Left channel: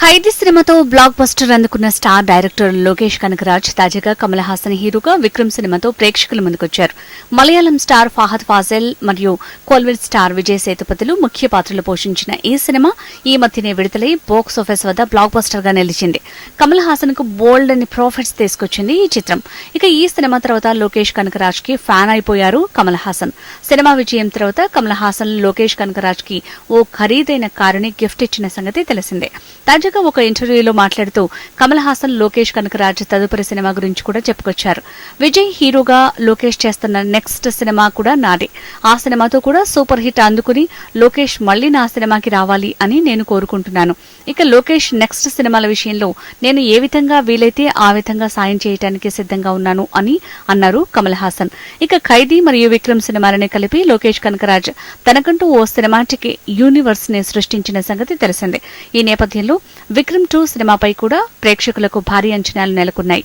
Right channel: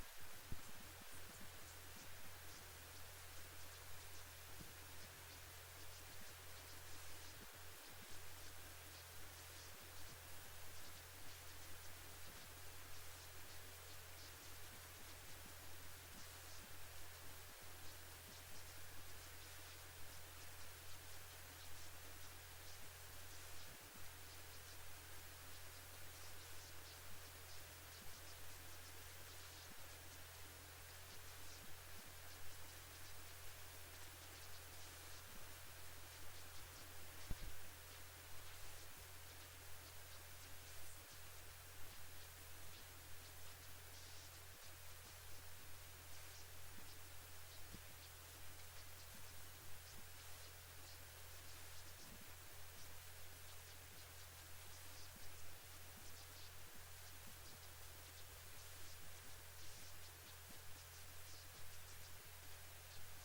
ఖైదీ సినిమాతో blockbuster అందుకున్న star director Lokesh Kanagaraj తాజాగా కమల్ హాసన్ హీరోగా విక్రమ్ సినిమాతో ప్రేక్షకుల ముందుకొచ్చారు. మలయాళం స్టార్ ఫాహద్ ఫాజెల్ మరియు కోల్వెట్ స్టార్ విజయ్ సేతుపతులు ముఖ్య పాత్రలు పోషించిన ఈ సినిమా ఈ మధ్యనే విడుదలై బాక్స్ ఆఫీస్ వద్ద బ్లాక్ బస్టర్గా నిలిచింది. కమల్ హాసన్కు బోల్డ్ అని ప్రాఫిట్స్ తీసుకొచ్చింది ఈ చిత్రం. ఇక ఈ సినిమా తర్వాత లోకేష్ కనకరాజ్కి ఫ్యాన్ అయిపోయారు కమల్ హాసన్. సినిమా విజయం తర్వాత కమల్ హాసన్ లోకేష్ కనకరాజ్కి ఓ ఖరీదైన కారుని గిఫ్ట్ ఇచ్చిన సంగతి తెలిసిందే. తాజాగా ఒక ఇంటర్వ్యూలో మాట్లాడుతూ కమల్ హాసన్ లోకేష్ కనకరాజ్ తదుపరి సినిమా గురించి కూడా చెప్పుకొచ్చారు. విజయ్ హీరోగా లోకేష్ చేస్తున్న నెక్స్ట్ సినిమా కూడా నాదే. ఆ సినిమాతో కూడా సూపర్ హిట్ అందుకుని లోకేష్ మళ్ళీ నా సినిమాకి రావాలి అని నేను కోరుకుంటున్నాను. ఇక లోకేష్ నెక్స్ట్ సినిమాల విషయంలో నేను ఏ విధంగా వీలైతే ఆ విధంగా సాయం చేయడానికి సిద్ధంగా ఉన్నాను అని అన్నారు కమల్ హాసన్. ఇక ఖైదీ మరియు విక్రమ్ సినిమాలని కలిపి లోకేష్ కనకరాజ్ తనకంటూ ఓ సినిమాటిక్ యూనివర్స్ని సృష్టించిన సంగతి తెలిసిందే. ఈ నేపథ్యంలో విక్రమ్ టూ సినిమాపై కూడా ప్రేక్షకులకు భారీ అంచనాలు నెలకొన్నాయి.